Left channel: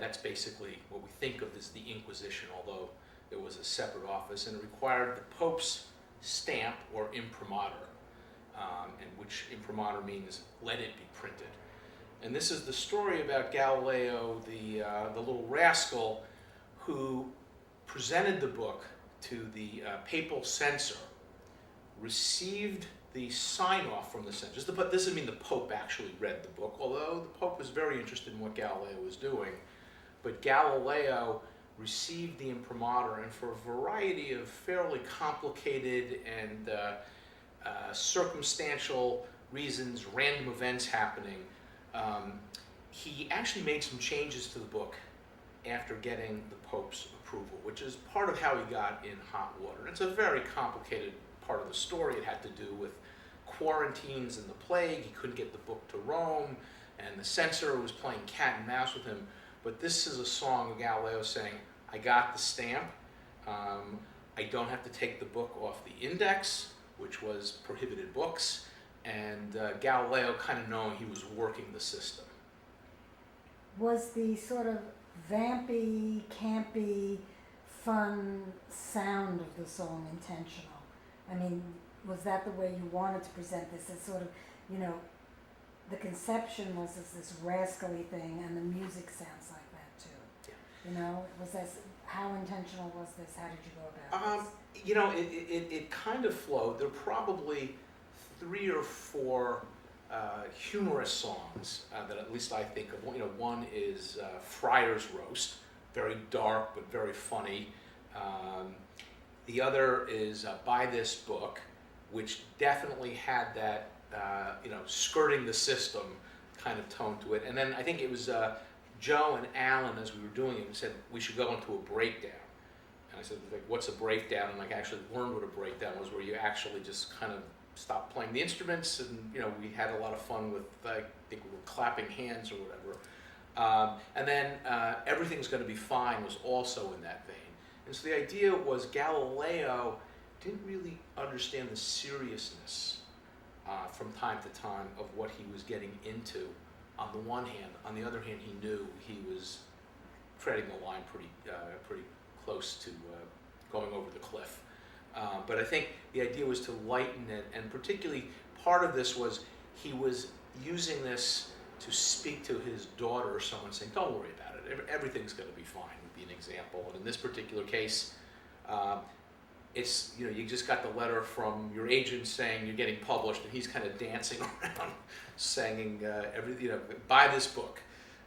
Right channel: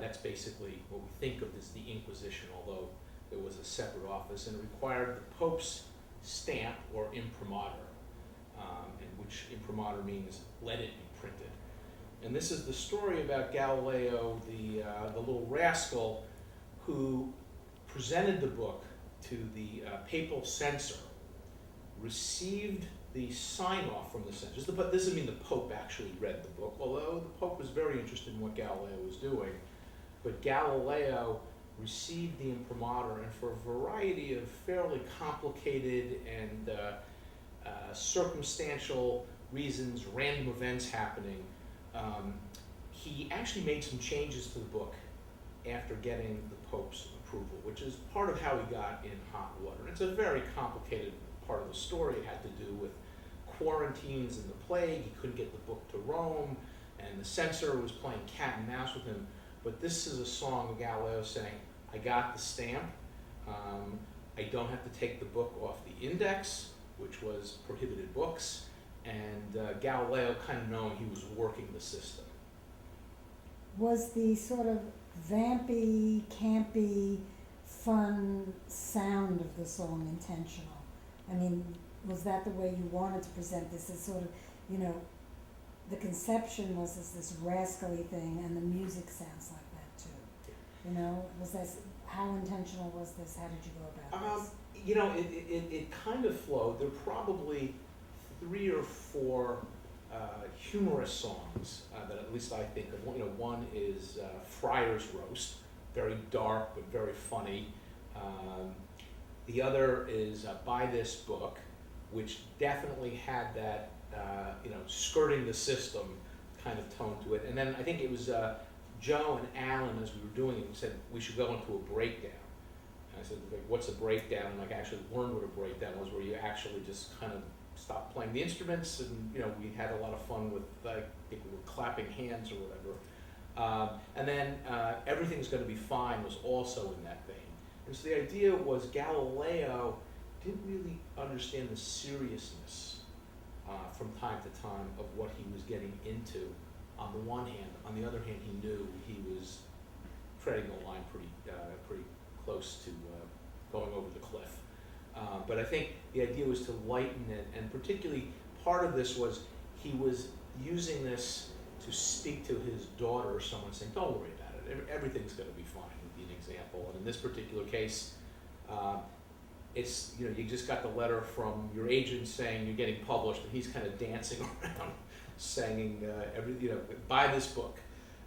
that's basically what we think of as the Inquisition, although it was a separate office, and it required the Pope's stamp or imprimatur, and which imprimatur means let it be printed. And this is the story about Galileo, the little rascal who presented the book to the papal censor, received the sign-off from the censors. But this doesn't mean the Pope actually read the book, although the Pope was very interested in what Galileo was doing. But Galileo received the imprimatur, and for a variety of fairly complicated and circumstantial reasons, random events happening, he actually made some changes to the book after getting the Pope's approval, which is part of how he got in hot water. And it's a very complicated part of the story. It had to do with quarantines and the plague. He couldn't get the book to Rome, and the censor was playing cat and mouse with him. But this is a song of Galileo saying, I got the stamp, I don't have to take the book off the index, which was prohibited books, and Galileo kind of knowing he was working the system. Was the sort of vampy, campy, fun sound of the song intentional? I mean, was that the way you wanted to present this as sort of, the conception was this rascally thing, and the music sounds like that too. Yeah. Was that, how intentional was this? How did you go about this? It kind of flowed. There are probably 3 or 4 humorous songs that at least I think of. One is Friar's Roast, very dark but very funny. The other is Buy This Book, which definitely had that skirting the system kind of tone to it. And then I think it was Joe and Alan, as we were doing it, said we should go into a breakdown. And I said, what's a breakdown? And I actually learned what a breakdown was, where you actually just kind of stop playing the instruments, and we had a lot of fun with, I think we were clapping hands or whatever. And then Everything's Gonna Be Fine was also in that vein. And so the idea was Galileo didn't really understand the seriousness from time to time of what he was getting into on the one hand. On the other hand, he knew he was treading the line pretty close to going over the cliff. But I think the idea was to lighten it, and particularly part of this was he was using this to speak to his daughter or someone, saying, don't worry about it, everything's going to be fine, would be an example. And in this particular case, it's, you just got the letter from your agent saying you're getting published, and he's kind of dancing around saying, buy this book.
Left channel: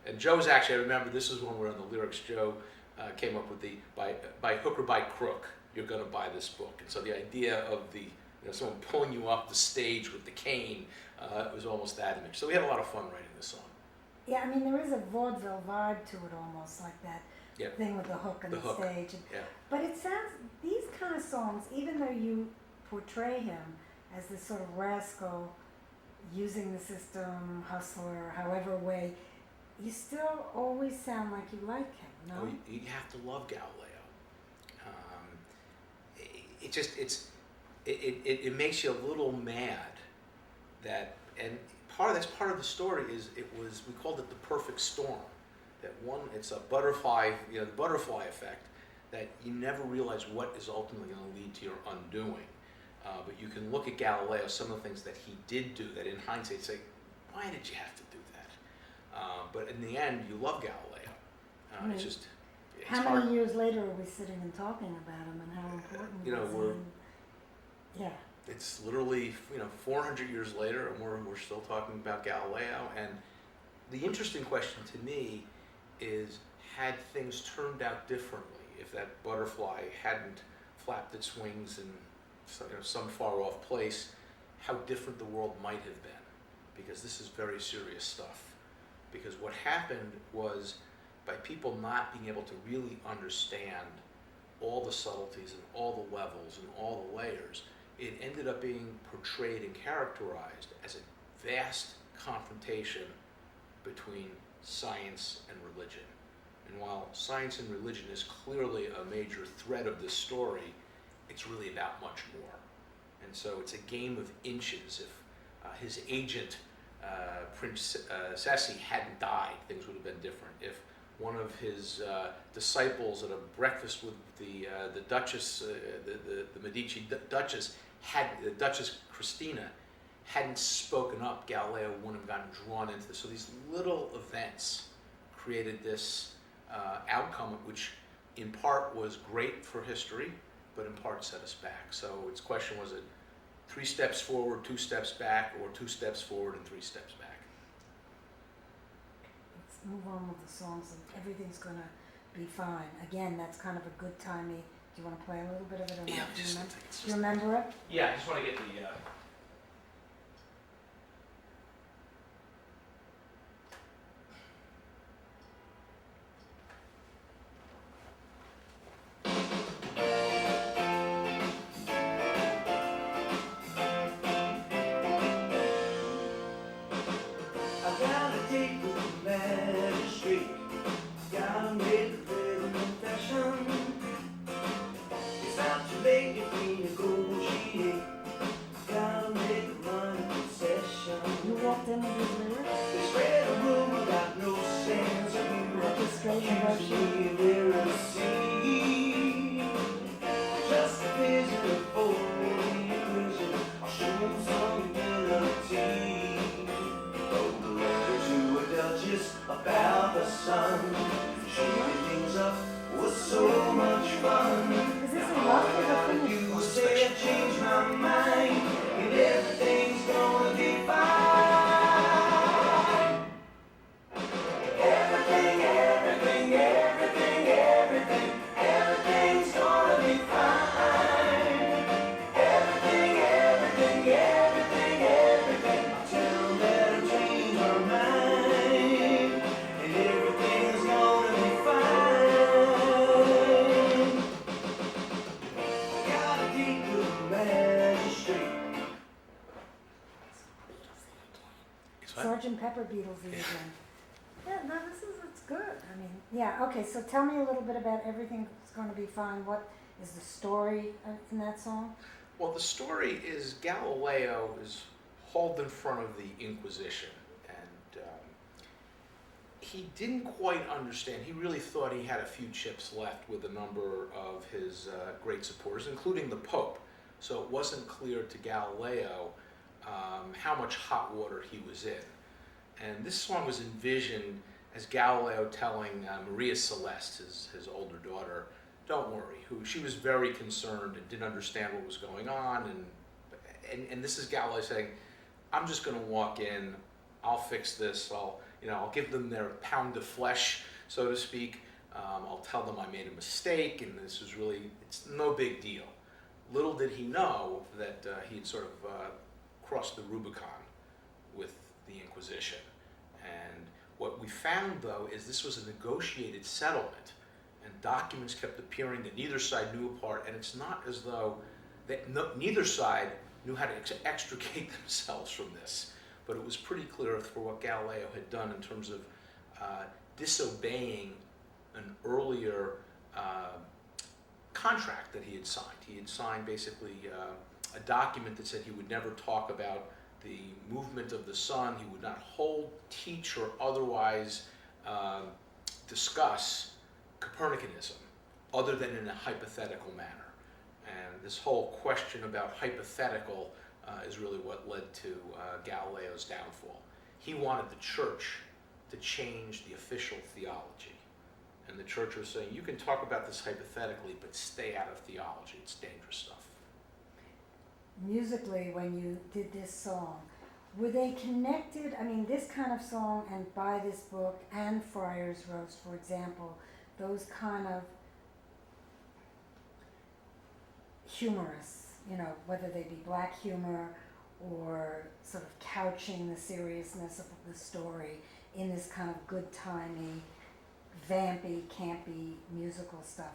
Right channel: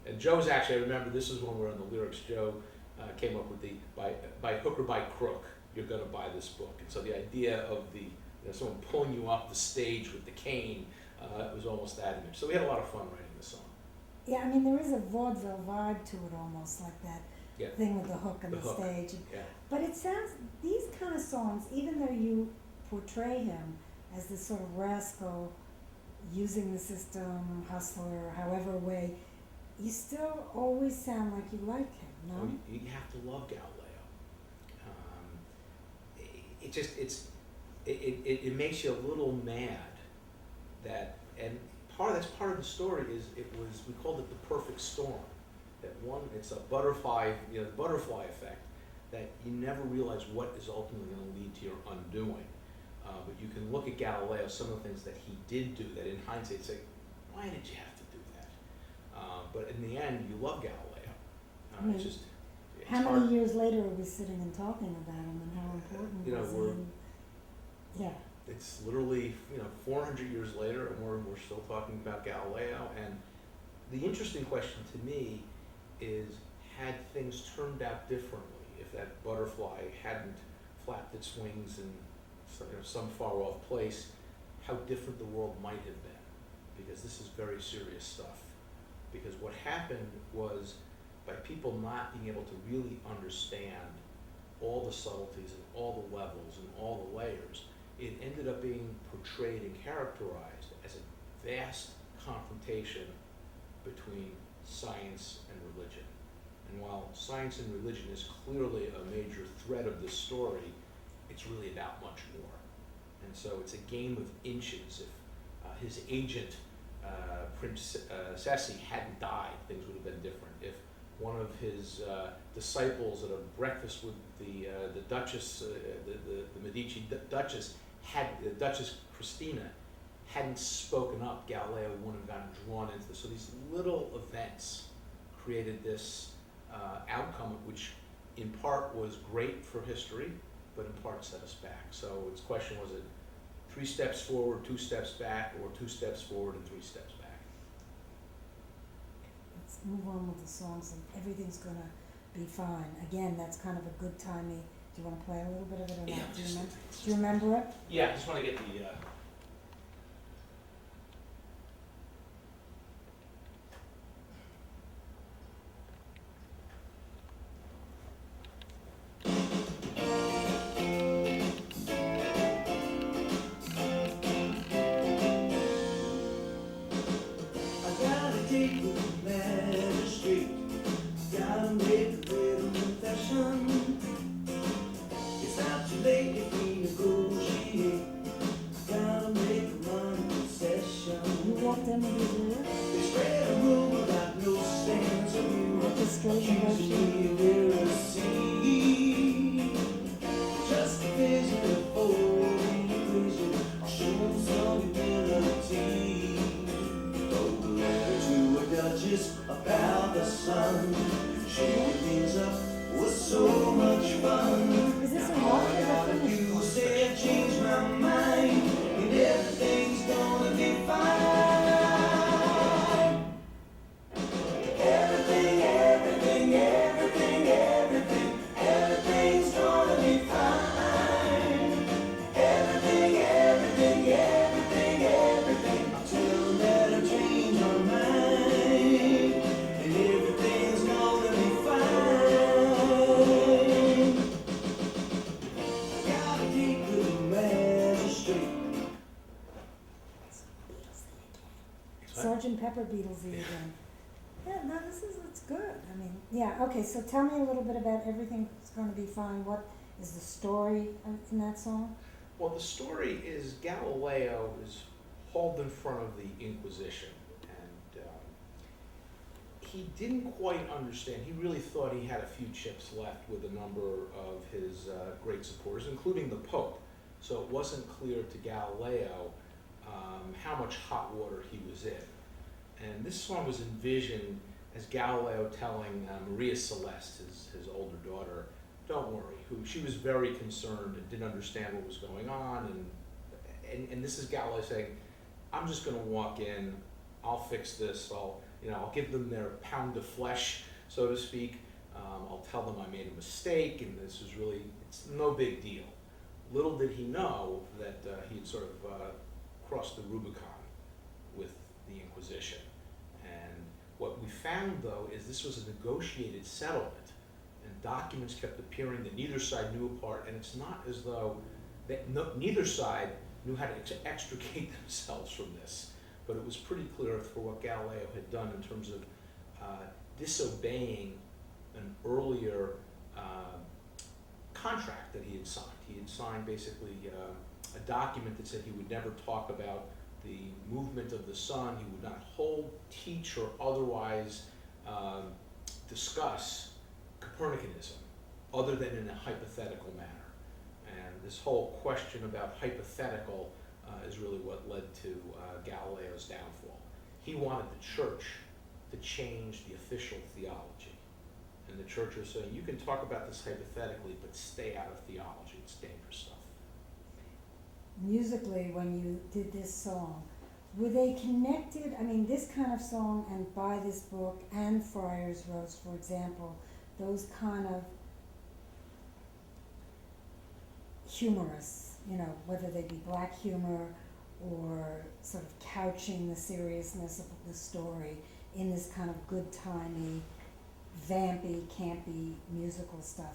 And Joe's actually, I remember this is when we were on the lyrics, Joe came up with the, by hook or by crook, you're going to buy this book. And so the idea of someone pulling you off the stage with the cane was almost that image. So we had a lot of fun writing this song. Yeah, I mean, there is a vaudeville vibe to it, almost like that thing with the hook and the stage. Yeah. But it sounds, these kind of songs, even though you portray him as this sort of rascal, using the system, hustler, however way, you still always sound like you like him, no? Oh, you have to love Galileo. It makes you a little mad that, and that's part of the story is we called it the perfect storm. That one, it's a butterfly, the butterfly effect, that you never realize what is ultimately going to lead to your undoing. But you can look at Galileo, some of the things that he did do that in hindsight say, why did you have to do that? But in the end, you love Galileo. It's how hard. many years later are we sitting and talking about him, and how important was he? Yeah. It's literally 400 years later, and we're still talking about Galileo. And the interesting question to me is, had things turned out differently, if that butterfly hadn't flapped its wings in some far off place, how different the world might have been? Because this is very serious stuff. Because what happened was, by people not being able to really understand all the subtleties and all the levels and all the layers, it ended up being portrayed and characterized as a vast confrontation between science and religion. And while science and religion is clearly a major thread of this story, it's really about much more. And so it's a game of inches. If his agent, Prince Ceci, hadn't died, things would have been different. If one of his disciples at a breakfast with the Duchess, the Medici Duchess, the Duchess Christina, hadn't spoken up, Galileo wouldn't have gotten drawn into this. So these little events created this outcome, which in part was great for history, but in part set us back. So its question was it 3 steps forward, 2 steps back, or 2 steps forward and 3 steps back? Let's move on with the songs, and everything's gonna be fine. Again, that's kind of a good timey. Do you want to play a little bit of it or not? Yeah, Do you remember it? Yeah, I just want to get the. Them with these lyrics? Just a vision of holding a vision, showing some humility. Wrote a letter to a duchess about the sun. Shaking things up was so much fun. Is this a rock or a finish? You say I've changed my mind, and everything's gonna be fine. Everything's gonna be fine. Everything. I tell them that I've changed my mind, and everything's gonna be fine. Gotta keep the magistrate. Sergeant Pepper Beatlesy again. Yeah, no, it's good. I mean, yeah, okay, so tell me a little bit about Everything's Gonna Be Fine. What is the story in that song? Well, the story is Galileo is hauled in front of the Inquisition, and he didn't quite understand. He really thought he had a few chips left with a number of his great supporters, including the Pope. So it wasn't clear to Galileo how much hot water he was in. And this song was envisioned as Galileo telling Maria Celeste, his older daughter, don't worry, she was very concerned and didn't understand what was going on. And this is Galileo saying, I'm just going to walk in, I'll fix this, I'll give them their pound of flesh, so to speak. I'll tell them I made a mistake, and this is really, it's no big deal. Little did he know that he had sort of crossed the Rubicon with the Inquisition. And what we found, though, is this was a negotiated settlement, and documents kept appearing that neither side knew apart, and it's not as though neither side knew how to extricate themselves from this, but it was pretty clear for what Galileo had done in terms of disobeying an earlier contract that he had signed. He had signed basically a document that said he would never talk about the movement of the sun, he would not hold, teach, or otherwise discuss Copernicanism, other than in a hypothetical manner. And this whole question about hypothetical is really what led to Galileo's downfall. He wanted the church to change the official theology. And the church was saying, you can talk about this hypothetically, but stay out of theology, it's dangerous stuff. Musically, when you did this song, were they connected? I mean, this kind of song and By This Book and Friar's Roast, for example, those kind of humorous, whether they be black humor or sort of couching the seriousness of the story in this kind of good-timey, vampy, campy musical stuff.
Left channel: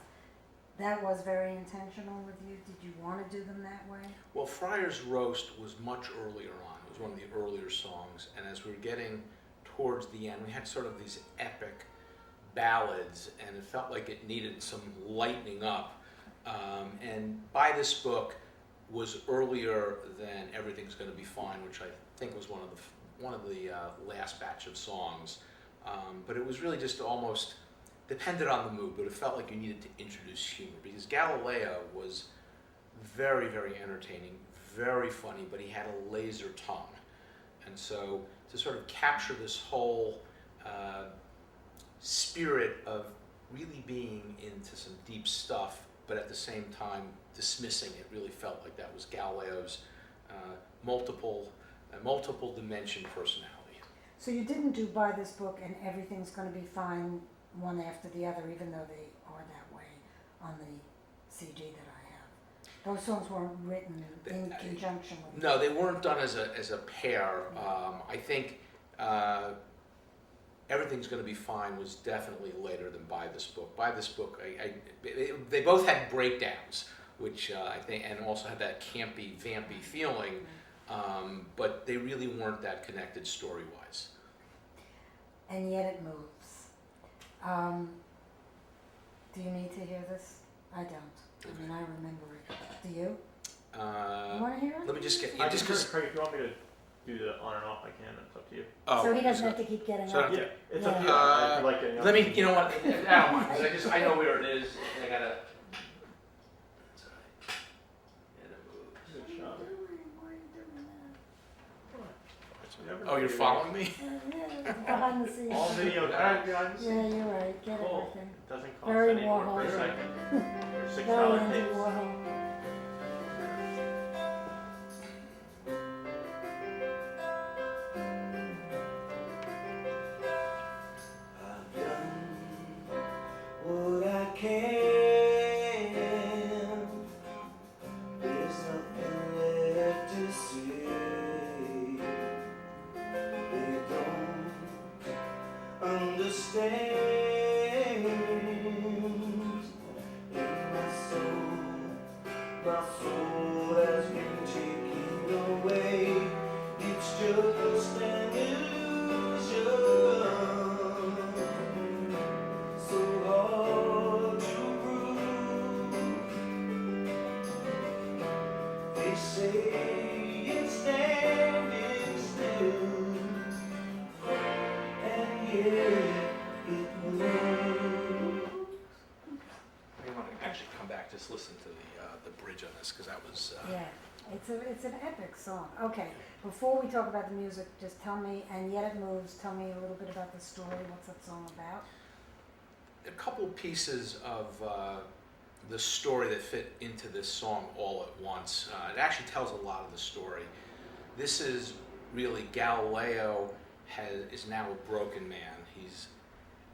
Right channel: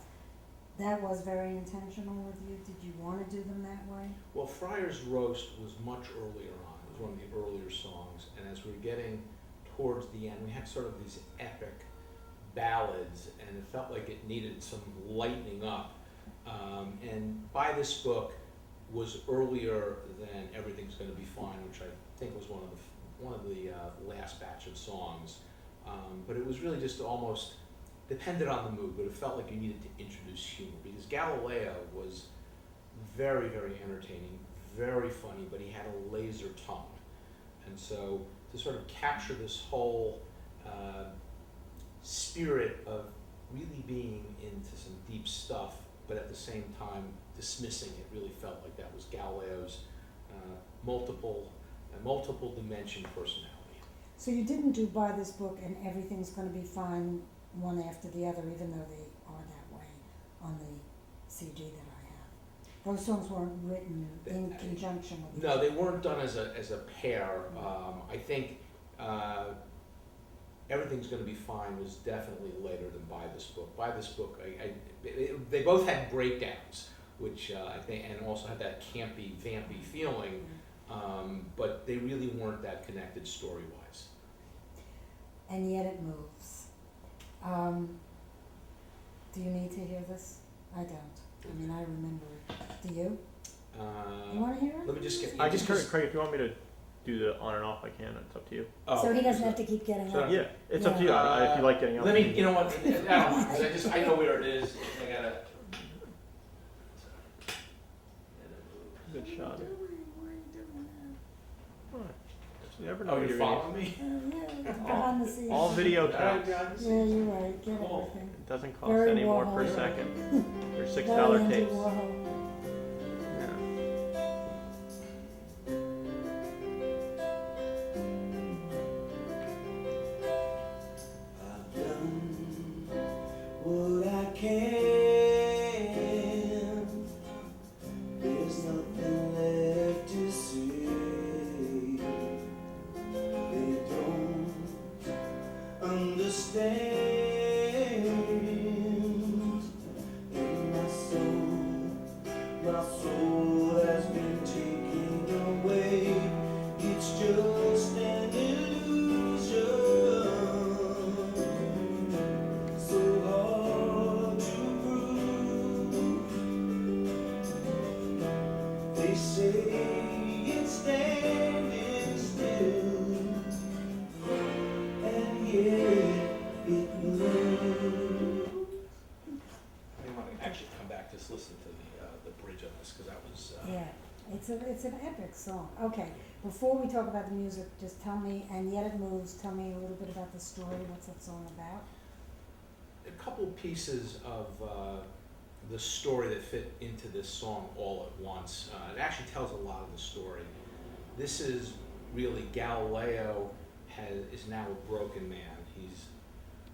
That was very intentional with you? Did you want to do them that way? Well, Friar's Roast was much earlier on. It was one of the earlier songs. And as we were getting towards the end, we had sort of these epic ballads, and it felt like it needed some lightening up. And By This Book was earlier than Everything's Gonna Be Fine, which I think was one of the last batch of songs. But it was really just almost depended on the mood, but it felt like you needed to introduce humor, because Galileo was very, very entertaining, very funny, but he had a laser tongue. And so to sort of capture this whole spirit of really being into some deep stuff, but at the same time dismissing it, really felt like that was Galileo's multiple dimension personality. So you didn't do buy this book and everything's gonna be fine one after the other, even though they are that way on the CD that I have. Those songs weren't written in conjunction with. No, they weren't done as a pair. I think Everything's Gonna Be Fine was definitely later than Buy This Book. Buy This Book, they both had breakdowns, which I think, and also had that campy, vampy feeling, but they really weren't that connected story-wise. And Yet It Moves. Do you need to hear this? I don't. I mean, I remember it. Do you? You wanna hear it? Let me just get. I just Craig, if you want me to do the on and off, I can. It's up to you. Oh, So he doesn't have to keep getting so- up. Yeah, it's up to you. If you like getting up. Let me. You know what? I don't mind. 'Cause I know where it is. I gotta. Good shot. You never know Oh, you're where following me? Yeah, it's behind the scenes. All video counts. Yeah, you're right, get Cool. everything. It doesn't cost Very any more per Warhol. second. Or Very $6 Andy tapes. Warhol. I've done what I can. There's nothing left to say. They don't understand. In my soul has been taken away. It's just an illusion. So hard to prove. They say it's standing still, and yet it moves. I want to actually come back, just listen to the bridge on this, because that was. Yeah, it's an epic song. Okay, before we talk about the music, just tell me, and Yet It Moves, tell me a little bit about the story. What's that song about? A couple pieces of the story that fit into this song all at once. It actually tells a lot of the story. This is really Galileo is now a broken man. He's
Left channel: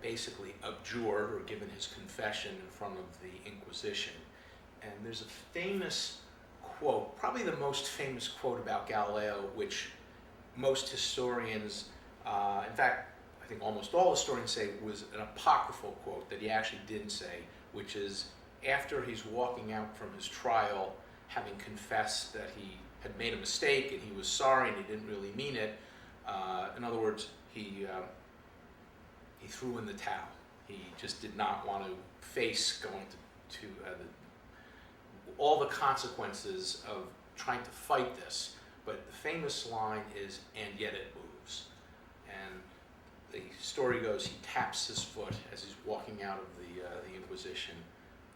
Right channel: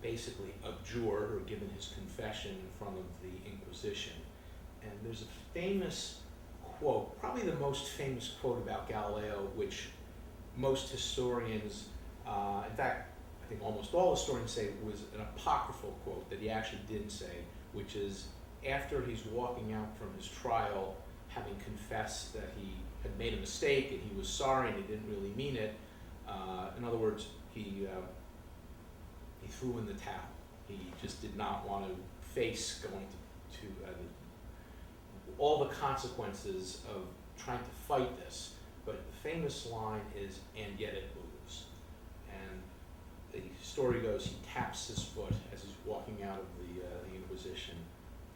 basically abjured or given his confession in front of the Inquisition. And there's a famous quote, probably the most famous quote about Galileo, which most historians, in fact, I think almost all historians say was an apocryphal quote that he actually didn't say, which is after he's walking out from his trial, having confessed that he had made a mistake and he was sorry and he didn't really mean it. In other words, he threw in the towel. He just did not want to face going to all the consequences of trying to fight this. But the famous line is, "And yet it moves." And the story goes, he taps his foot as he's walking out of the Inquisition,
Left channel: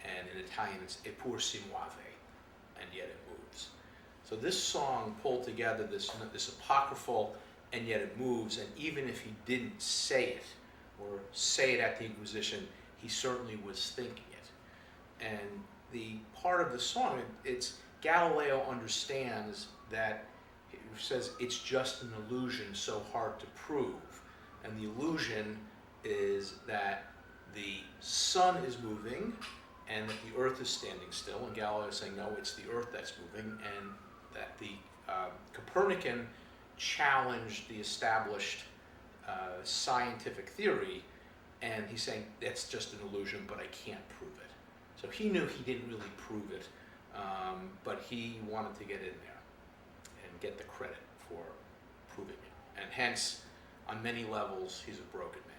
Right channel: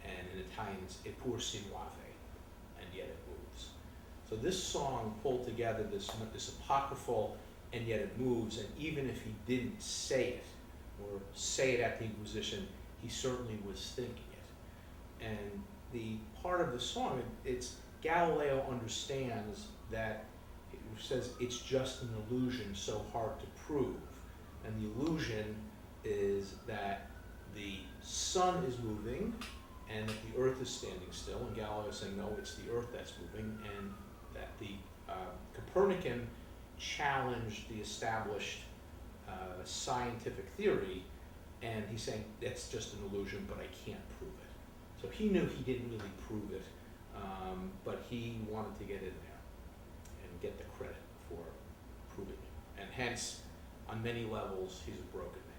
and in Italian it's "E pur si muove," and yet it moves. So this song pulled together this apocryphal "and yet it moves," and even if he didn't say it, or say it at the Inquisition, he certainly was thinking it. And the part of the song, it's Galileo understands that it says it's just an illusion so hard to prove. And the illusion is that the sun is moving and that the earth is standing still. And Galileo is saying, no, it's the earth that's moving. And that the Copernican challenged the established scientific theory. And he's saying, that's just an illusion, but I can't prove it. So he knew he didn't really prove it, but he wanted to get in there and get the credit for proving it. And hence, on many levels, he's a broken man.